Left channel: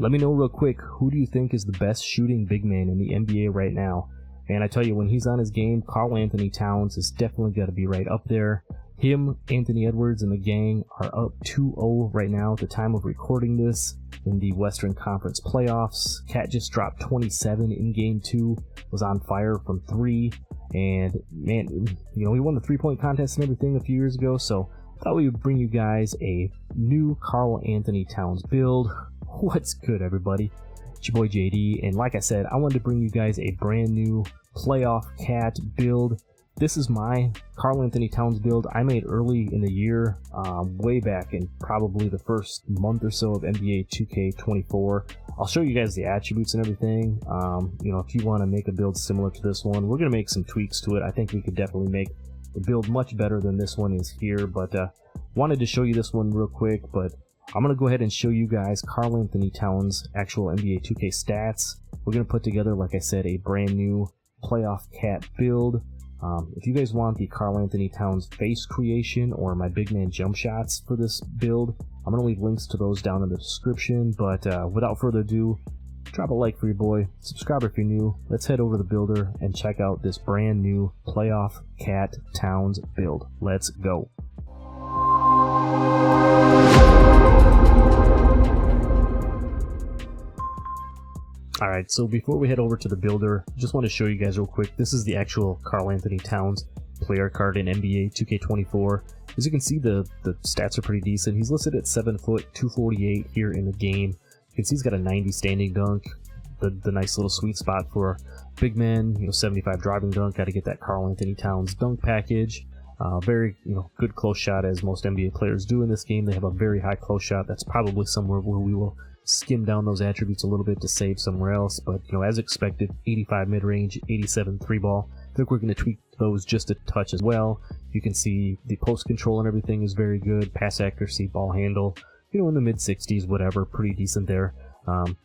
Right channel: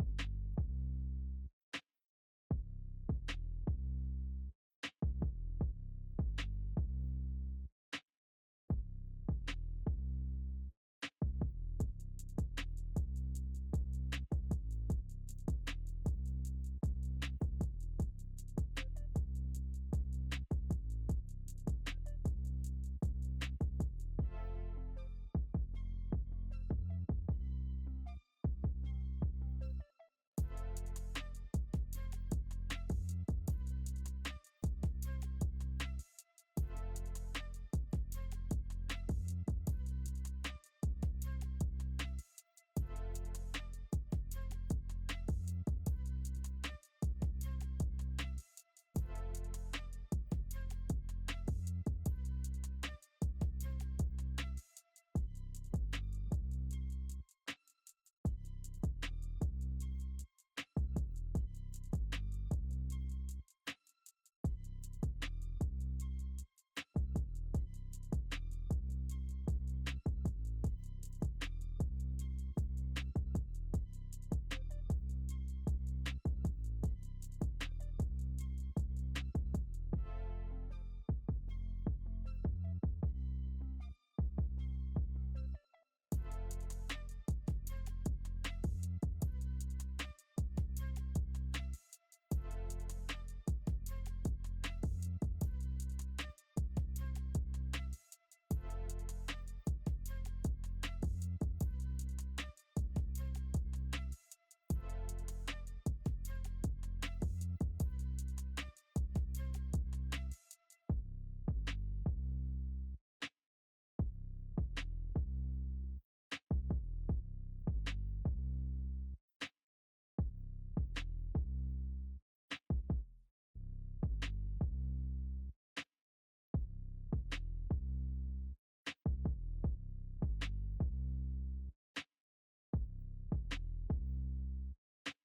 Let me know real quick, who do you think is the best shooting big man in the NBA right now? And I tell you, when he's on his game, Karl-Anthony Towns is definitely got to be right up there. Him, Anthony Edwards, and the gang are up 2-0 right now at the time of recording this in the Western Conference playoffs. Cat just dropped 27 in Game 2, was on fire from 3, and man, you know, he won the three-point contest and everything a few years ago, so I thought we would bring you guys a new Karl-Anthony Towns build. What's good, everybody? It's your boy JD, and like I said, I wanted to bring you guys a brand new playoff Cat build. This is my Karl-Anthony Towns build I made early in the year, way back in probably the first month or so of NBA 2K24. I'll show you guys the attributes and everything. You know, if you want to make a build similar to this one, we're going to make some tweaks to it. I think we could definitely make the build much better than this one is here, but wanted to show you this one real quick. But I'm going to go ahead and show you guys Karl-Anthony Towns' actual NBA 2K stats. We're going to put together, like I said, a brand new playoff Cat build. If you guys want the Karl-Anthony Towns face creation or my big man jump shots for this build, I'm going to leave links to those down in the description. But without further ado, drop a like for your boy, subscribe if you're new. Let's head over to the builder and check out this brand new playoff Cat Towns build. Let's go. Alright, so before we head over to the builder, just want to show you guys real quick, this is the actual Karl-Anthony Towns player card in NBA 2K24. As you can see, the stats are pretty decent. He's listed at 7 foot, 248 here in the game. You can see he's got a 90 standing dunk, the nice little sweet spot for big men, you know, 75 driving dunk. Got to get that Karl-Anthony Towns dunk package. Very, you know, good close shot, as most NBA players do in this game. They have a very high close shot. That's probably somewhere where we will skim down those attributes a little bit to save somewhere else, but you know, as expected, 85 mid-range, 87 3-ball. I think we're going to tweak those just a touch as well. You can see the post control and everything is very good. Pass accuracy, ball handle, you know, in the mid 60s, whatever, pretty decent there.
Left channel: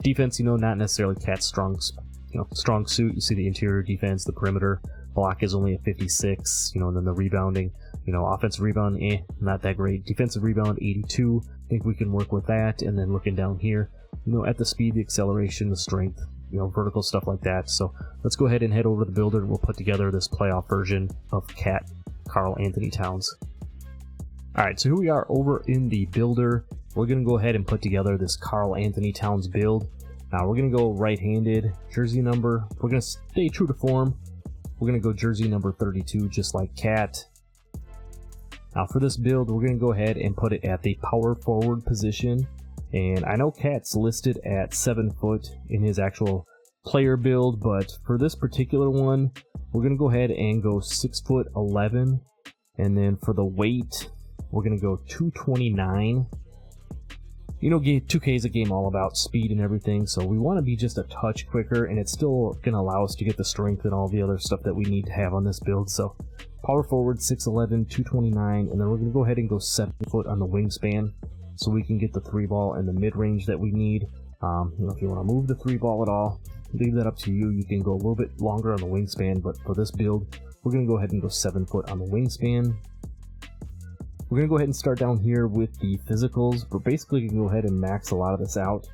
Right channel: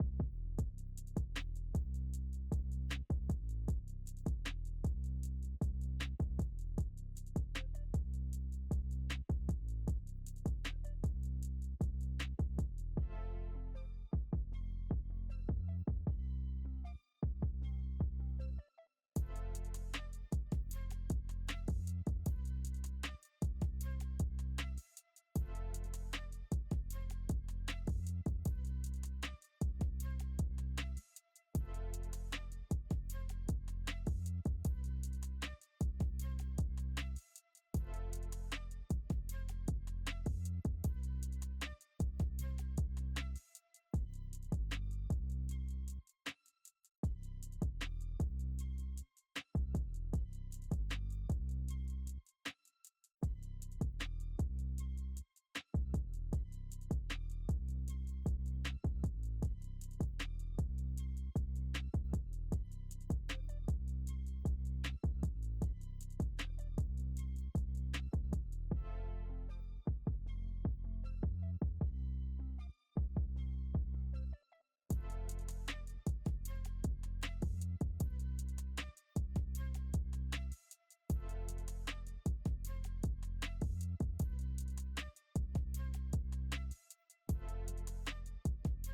Defense, you know, not necessarily Cat's strong suit. You see the interior defense, the perimeter block is only a 56, you know, and then the rebounding, you know, offensive rebound, not that great. Defensive rebound, 82. I think we can work with that. And then looking down here, you know, at the speed, the acceleration, the strength, you know, vertical stuff like that. So let's go ahead and head over to the builder and we'll put together this playoff version of Cat Karl-Anthony Towns. Alright, so here we are over in the builder. We're going to go ahead and put together this Karl-Anthony Towns build. Now we're going to go right-handed, jersey number. We're going to stay true to form. We're going to go jersey number 32, just like Cat. Now for this build, we're going to go ahead and put it at the power forward position. And I know Cat's listed at 7 foot in his actual player build, but for this particular one, we're going to go ahead and go 6 foot 11. And then for the weight, we're going to go 229. You know, 2K is a game all about speed and everything, so we want to be just a touch quicker, and it's still going to allow us to get the strength and all the other stuff that we need to have on this build. So power forward, 6'11", 229, and then we're going to go ahead and go 7 foot on the wingspan so we can get the 3-ball and the mid-range that we need. You know, if you want to move the 3-ball at all, leave that up to you. You can go a little bit longer on the wingspan, but for this build, we're going to go ahead and go 7 foot on the wingspan. We're going to go ahead and start down here with the physicals, but basically you can go ahead and max a lot of this out.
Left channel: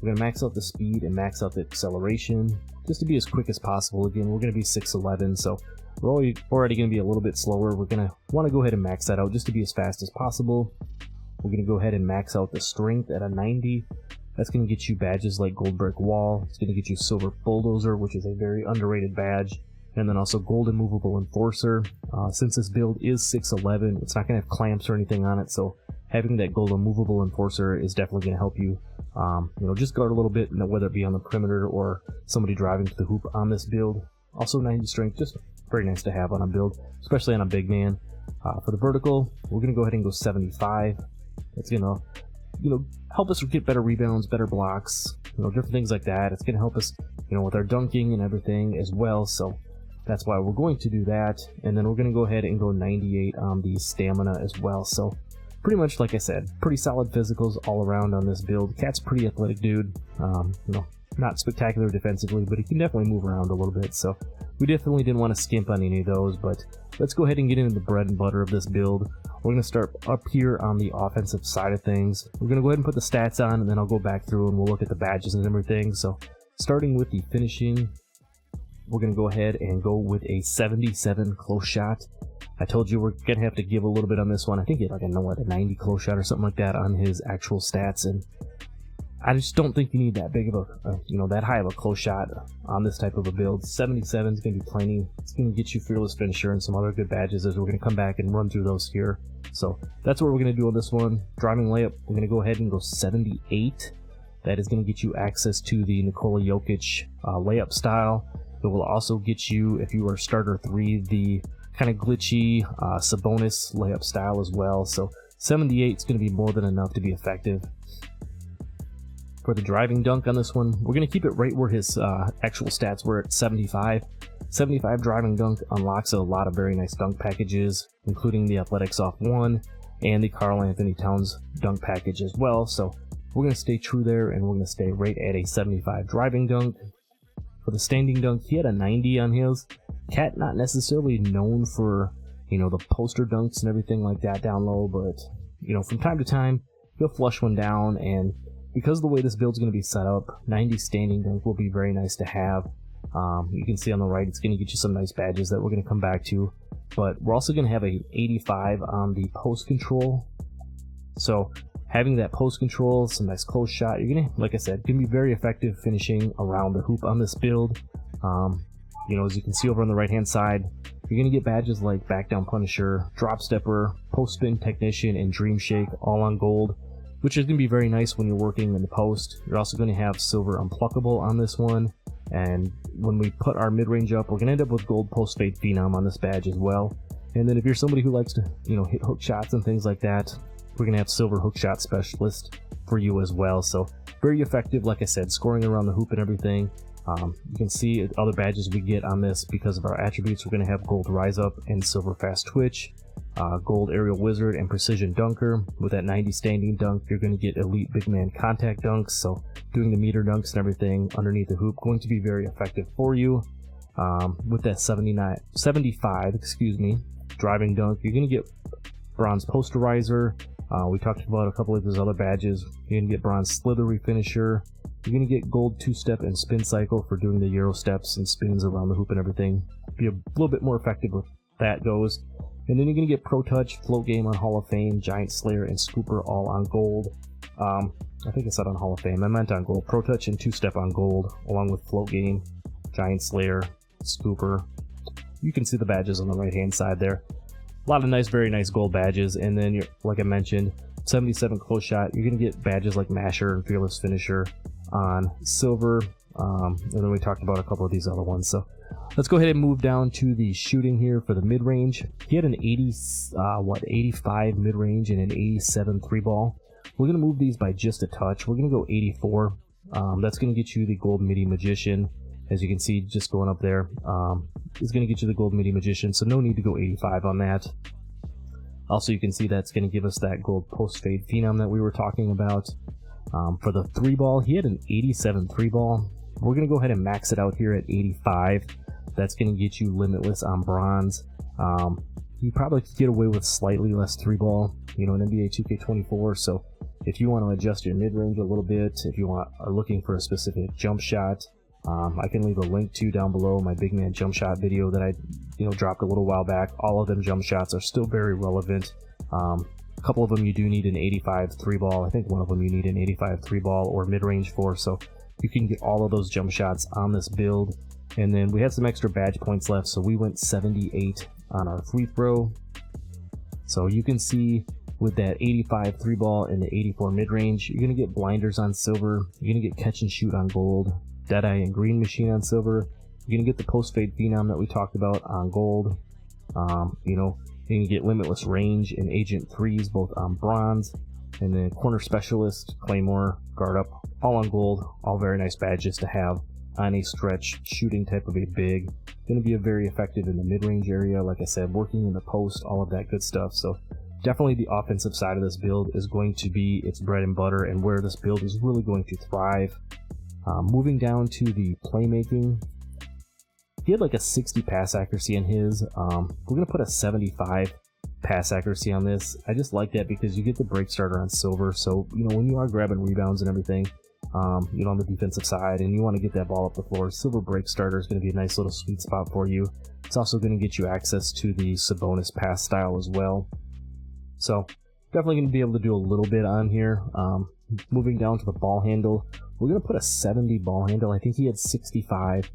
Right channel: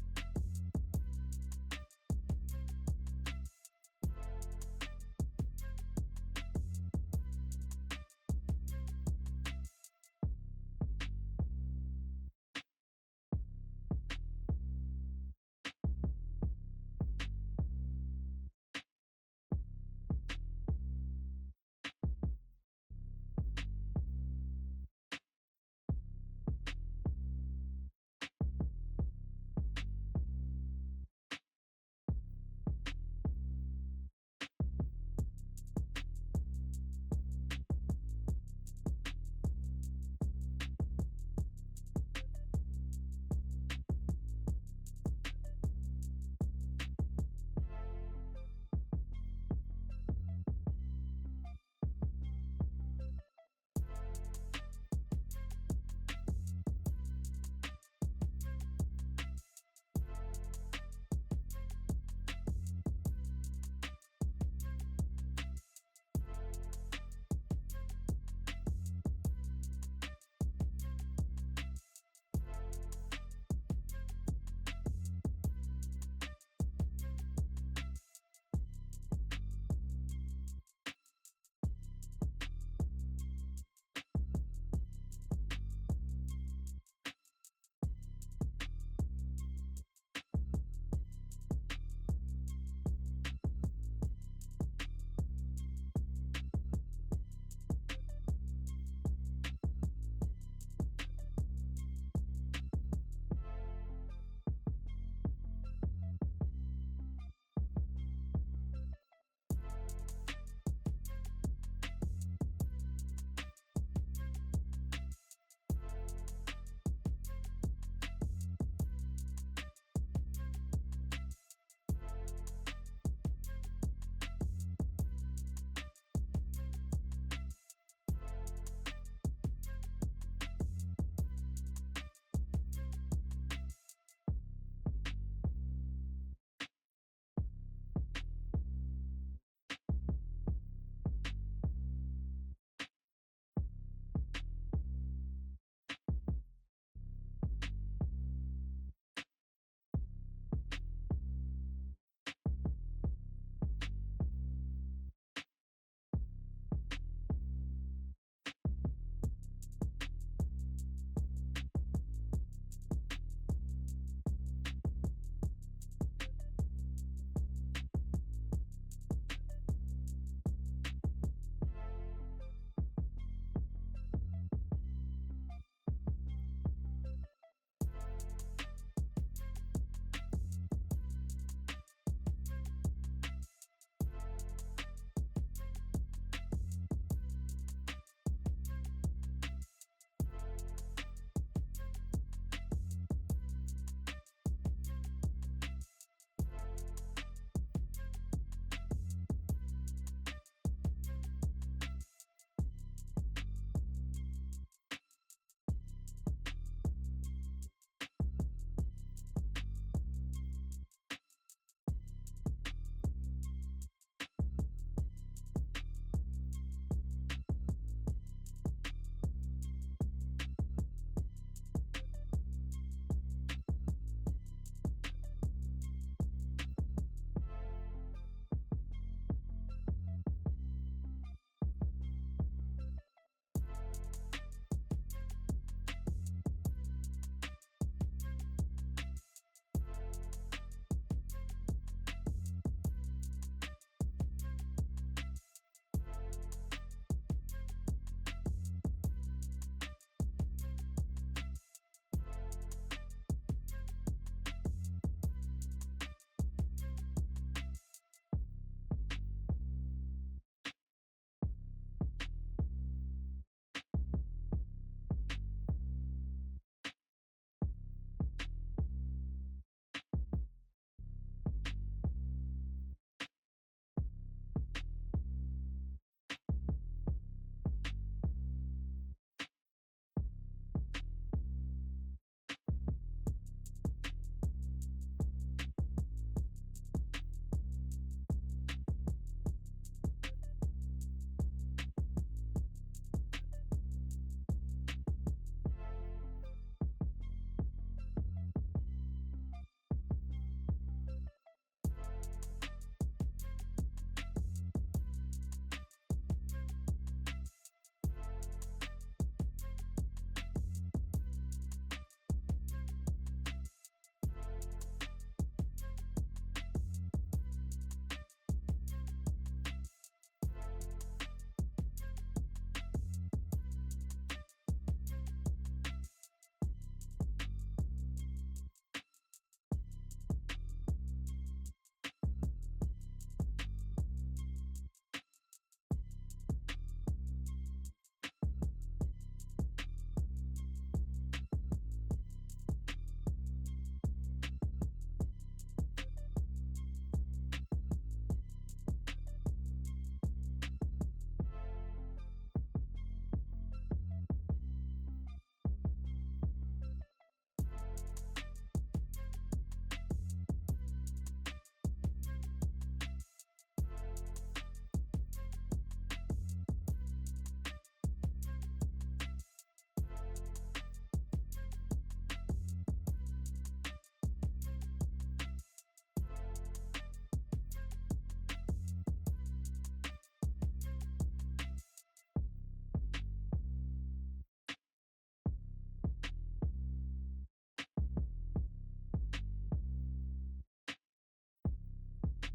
We're going to max out the speed and max out the acceleration just to be as quick as possible. Again, we're going to be 6'11", so we're already going to be a little bit slower. We're going to want to go ahead and max that out just to be as fast as possible. We're going to go ahead and max out the strength at a 90. That's going to get you badges like Gold Brick Wall. It's going to get you Silver Bulldozer, which is a very underrated badge. And then also Golden Movable Enforcer. Since this build is 6'11", it's not going to have clamps or anything on it, so having that Golden Movable Enforcer is definitely going to help you, you know, just guard a little bit, you know, whether it be on the perimeter or somebody driving to the hoop on this build. Also 90 strength, just very nice to have on a build, especially on a big man. For the vertical, we're going to go ahead and go 75. It's going to, you know, help us get better rebounds, better blocks, you know, different things like that. It's going to help us, you know, with our dunking and everything as well, so that's why we're going to do that. And then we're going to go ahead and go 98 on the stamina as well. So pretty much, like I said, pretty solid physicals all around on this build. Cat's pretty athletic dude. You know, not spectacular defensively, but he can definitely move around a little bit, so we definitely didn't want to skimp on any of those. But let's go ahead and get into the bread and butter of this build. We're going to start up here on the offensive side of things. We're going to go ahead and put the stats on, and then I'll go back through and we'll look at the badges and everything. So starting with the finishing, we're going to go ahead and go with a 77 close shot. I told you we're going to have to give a little bit on this one. I think he had like a 90 close shot or something like that on his actual stats, and I just don't think you need that big of a, that high of a close shot on this type of a build. 77 is going to be plenty. It's going to get you fearless finisher and some other good badges, as we're going to come back and run through those here. So that's what we're going to do on this one. Driving layup, we're going to go ahead and go 78. That is going to get you access to the Nikola Jokic layup style. It will also get you, if you are starter 3, the kind of glitchy Sabonis layup style as well. So 78 is going to be more than enough to be effective. For the driving dunk on this one, we're going to keep it right where his actual stats were at 75. 75 driving dunk unlocks a lot of very nice dunk packages, including the Athletics Off 1 and the Karl-Anthony Towns dunk package as well. So we're going to stay true there, and we're going to stay right at a 75 driving dunk. For the standing dunk, he had a 90 on his. Cat not necessarily known for, the poster dunks and everything like that down low, but, from time to time, he'll flush one down, and because of the way this build's going to be set up, 90 standing dunk will be very nice to have. You can see on the right, it's going to get you some nice badges that we're going to come back to, but we're also going to have a 85 on the post control. So having that post control, some nice close shot, you're going to, like I said, going to be very effective finishing around the hoop on this build. As you can see over on the right hand side, you're going to get badges like Back Down Punisher, Drop Stepper, Post Spin Technician, and Dream Shake all on gold, which is going to be very nice when you're working in the post. You're also going to have Silver Unpluckable on this one, and when we put our mid-range up, we're going to end up with Gold Post Fade Phenom on this badge as well. And then if you're somebody who likes to, hit hook shots and things like that, we're going to have Silver Hook Shot Specialist for you as well. So very effective, like I said, scoring around the hoop and everything. You can see other badges we get on this because of our attributes. We're going to have Gold Rise Up and Silver Fast Twitch, Gold Aerial Wizard, and Precision Dunker. With that 90 standing dunk, you're going to get Elite Big Man Contact Dunks, so doing the meter dunks and everything underneath the hoop, going to be very effective for you. With that 75 driving dunk, you're going to get Bronze Posterizer. We talked about a couple of his other badges. You're going to get Bronze Slithery Finisher. You're going to get Gold 2-Step and Spin Cycle for doing the Euro steps and spins around the hoop and everything. Be a little bit more effective with that goes. And then you're going to get Pro Touch, Float Game on Hall of Fame, Giant Slayer, and Scooper all on gold. I think I said on Hall of Fame. I meant on gold. Pro Touch and 2-Step on gold, along with Float Game, Giant Slayer, Scooper. You can see the badges on the right-hand side there. A lot of nice, very nice gold badges. And then, like I mentioned, 77 close shot. You're going to get badges like Masher and Fearless Finisher on silver. And then we talked about a couple of these other ones. So let's go ahead and move down to the shooting here for the mid-range. He had an 85 mid-range and an 87 3-ball. We're going to move these by just a touch. We're going to go 84. That's going to get you the Gold Midi Magician. As you can see, just going up there, is going to get you the Gold Midi Magician, so no need to go 85 on that. Also, you can see that's going to give us that Gold Post Fade Phenom that we were talking about. For the 3-ball, he had an 87 3-ball. We're going to go ahead and max it out here at 85. That's going to get you Limitless on bronze. You probably could get away with slightly less 3-ball, in NBA 2K24. So if you want to adjust your mid-range a little bit, if you are looking for a specific jump shot, I can leave a link to down below my big man jump shot video that I dropped a little while back. All of them jump shots are still very relevant. A couple of them you do need an 85 3-ball. I think one of them you need an 85 3-ball or mid-range for, so you can get all of those jump shots on this build. And then we had some extra badge points left, so we went 78 on our free throw. So you can see with that 85 3-ball and the 84 mid-range, you're going to get blinders on silver, you're going to get catch and shoot on gold, Deadeye and Green Machine on silver, you're going to get the Post Fade Phenom that we talked about on gold. You're going to get Limitless Range and Agent 3s both on bronze, and then Corner Specialist, Claymore, Guard Up, all on gold. All very nice badges to have on a stretch shooting type of a big. Going to be very effective in the mid-range area, like I said, working in the post, all of that good stuff. So definitely the offensive side of this build is going to be its bread and butter, and where this build is really going to thrive. Moving down to the playmaking, he had like a 60 pass accuracy in his. We're gonna put a 75 pass accuracy on this. I just like that because you get the break starter on silver, so you know when you are grabbing rebounds and everything, you know, on the defensive side, and you want to get that ball up the floor, silver break starter is going to be a nice little sweet spot for you. It's also going to get you access to the Sabonis pass style as well, so definitely going to be able to do a little bit on here. Moving down to the ball handle, we're going to put a 70 ball handle. I think he had 65.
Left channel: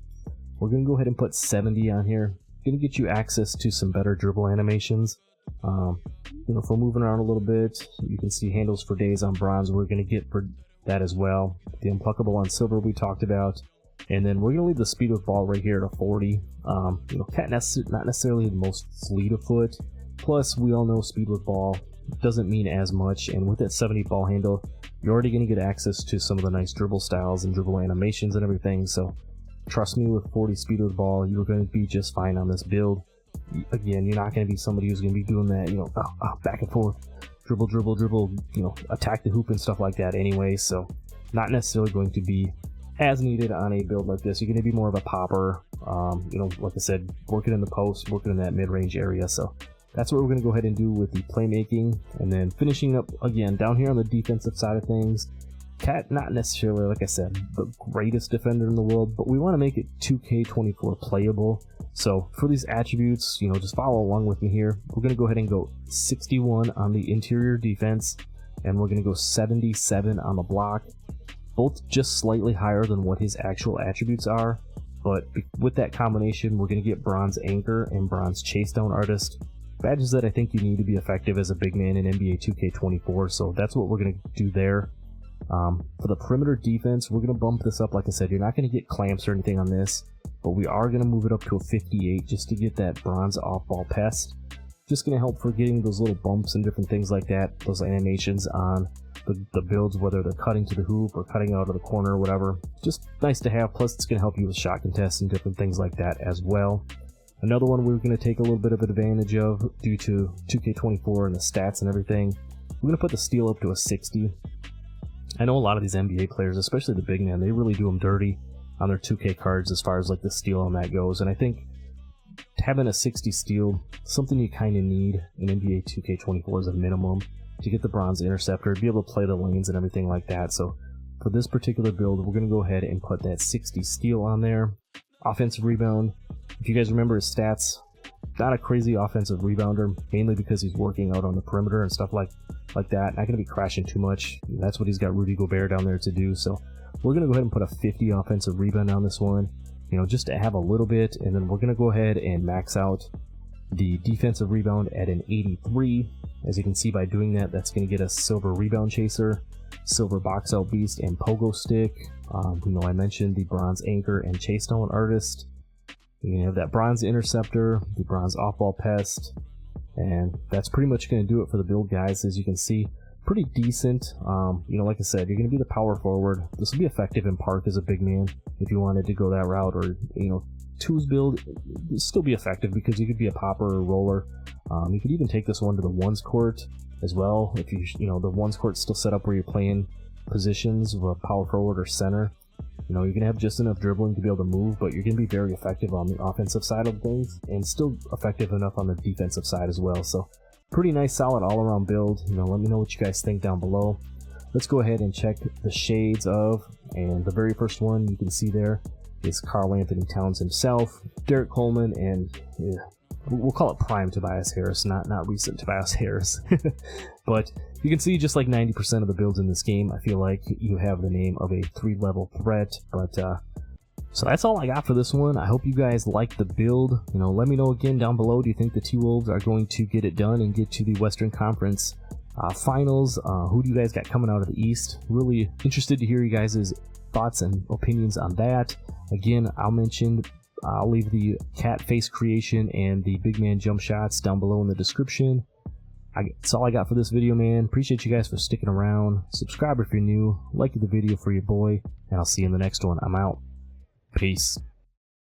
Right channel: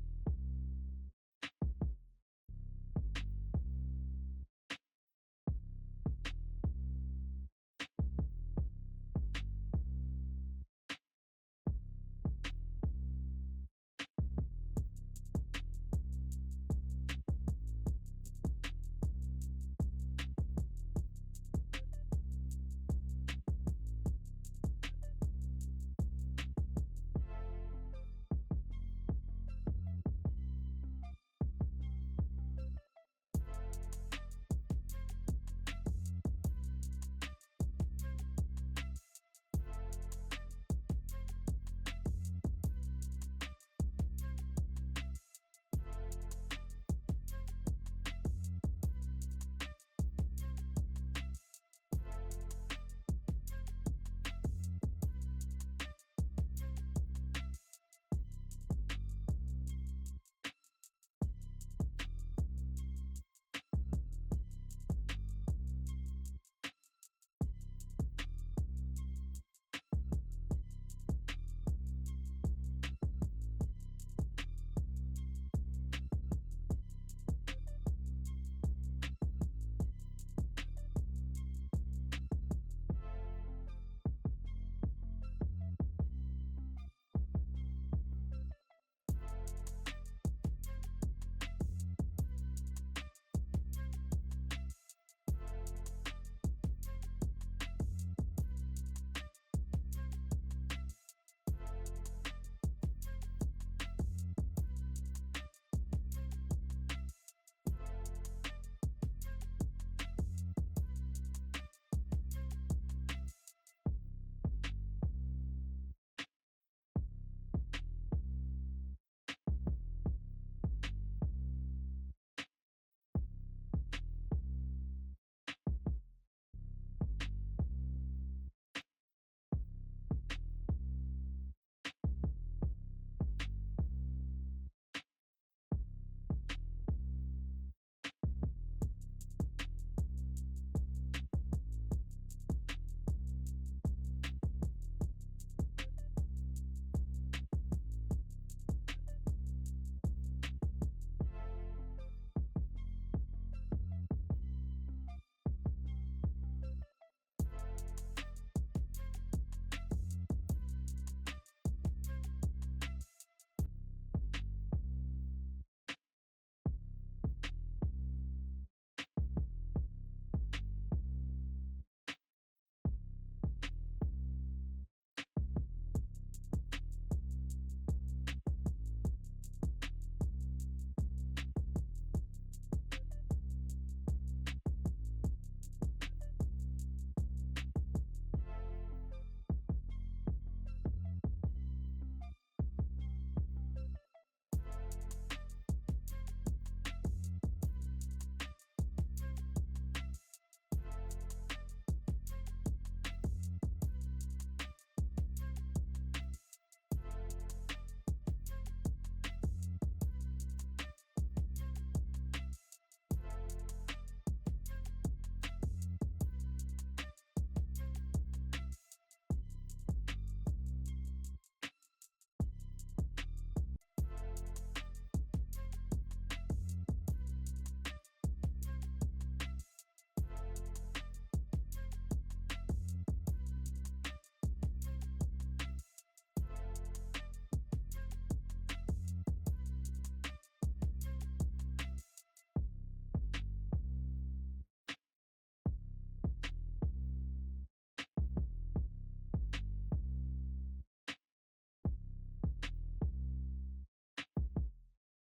We're going to go ahead and put 70 on here. Going to get you access to some better dribble animations. You know, if we're moving around a little bit, you can see handles for days on bronze. We're going to get for that as well. The unpluckable on silver we talked about, and then we're going to leave the speed with ball right here at a 40. You know, Cat not necessarily the most fleet of foot. Plus, we all know speed with ball doesn't mean as much, and with that 70 ball handle, you're already going to get access to some of the nice dribble styles and dribble animations and everything. So, trust me, with 40 speed with ball, you're going to be just fine on this build. Again, you're not going to be somebody who's going to be doing that, you know, back and forth, dribble, you know, attack the hoop and stuff like that anyway. So, not necessarily going to be as needed on a build like this. You're going to be more of a popper, you know, like I said, working in the post, working in that mid-range area. So, that's what we're going to go ahead and do with the playmaking. And then finishing up, again, down here on the defensive side of things, Cat, not necessarily, like I said, the greatest defender in the world, but we want to make it 2K24 playable. So for these attributes, you know, just follow along with me here. We're going to go ahead and go 61 on the interior defense, and we're going to go 77 on the block. Both just slightly higher than what his actual attributes are, but with that combination, we're going to get bronze anchor and bronze chase down artist. Badges that I think you need to be effective as a big man in NBA 2K24, so that's what we're going to do there. For the perimeter defense, we're going to bump this up. Like I said, you're not going to get clamps or anything on this, but we are going to move it up to a 58 just to get that bronze off-ball pest. Just going to help for getting those little bumps and different things like that, those animations on the builds, whether they're cutting to the hoop or cutting out of the corner or whatever. Just nice to have, plus it's going to help you with shot contests and different things like that as well. Another one we're going to take a little bit of advantage of due to 2K24 and the stats and everything. We're going to put the steal up to a 60. I know a lot of these NBA players, especially the big man, they really do them dirty on their 2K cards as far as like the steal on that goes. And I think having a 60 steal, something you kind of need in NBA 2K24 as a minimum to get the bronze interceptor, be able to play the lanes and everything like that. So for this particular build, we're going to go ahead and put that 60 steal on there. Offensive rebound, if you guys remember his stats, not a crazy offensive rebounder, mainly because he's working out on the perimeter and stuff like that. Not going to be crashing too much. That's what he's got Rudy Gobert down there to do. So we're going to go ahead and put a 50 offensive rebound on this one, you know, just to have a little bit. And then we're going to go ahead and max out the defensive rebound at an 83. As you can see by doing that, that's going to get us silver rebound chaser, silver box out beast, and pogo stick. You know, I mentioned the bronze anchor and chase down artist. You're going to have that bronze interceptor, the bronze off-ball pest, and that's pretty much going to do it for the build, guys. As you can see, pretty decent. You know, like I said, you're going to be the power forward. This will be effective in park as a big man if you wanted to go that route, or, you know, twos build still be effective because you could be a popper or roller. You could even take this one to the ones court as well if you know, the ones court's still set up where you're playing positions with power forward or center. You know, you're going to have just enough dribbling to be able to move, but you're going to be very effective on the offensive side of things and still effective enough on the defensive side as well. So pretty nice, solid all-around build. You know, let me know what you guys think down below. Let's go ahead and check the shades of, and the very first one you can see there is Karl-Anthony Towns himself, Derek Coleman, and we'll call it prime Tobias Harris, not recent Tobias Harris. But you can see just like 90% of the builds in this game, I feel like you have the name of a 3-level threat. But so that's all I got for this one. I hope you guys like the build. You know, let me know again down below. Do you think the T-Wolves are going to get it done and get to the Western Conference Finals? Who do you guys got coming out of the East? Really interested to hear you guys' thoughts and opinions on that. Again, I'll leave the cat face creation and the big man jump shots down below in the description. That's all I got for this video, man. Appreciate you guys for sticking around. Subscribe if you're new. Like the video for your boy, and I'll see you in the next one. I'm out. Peace.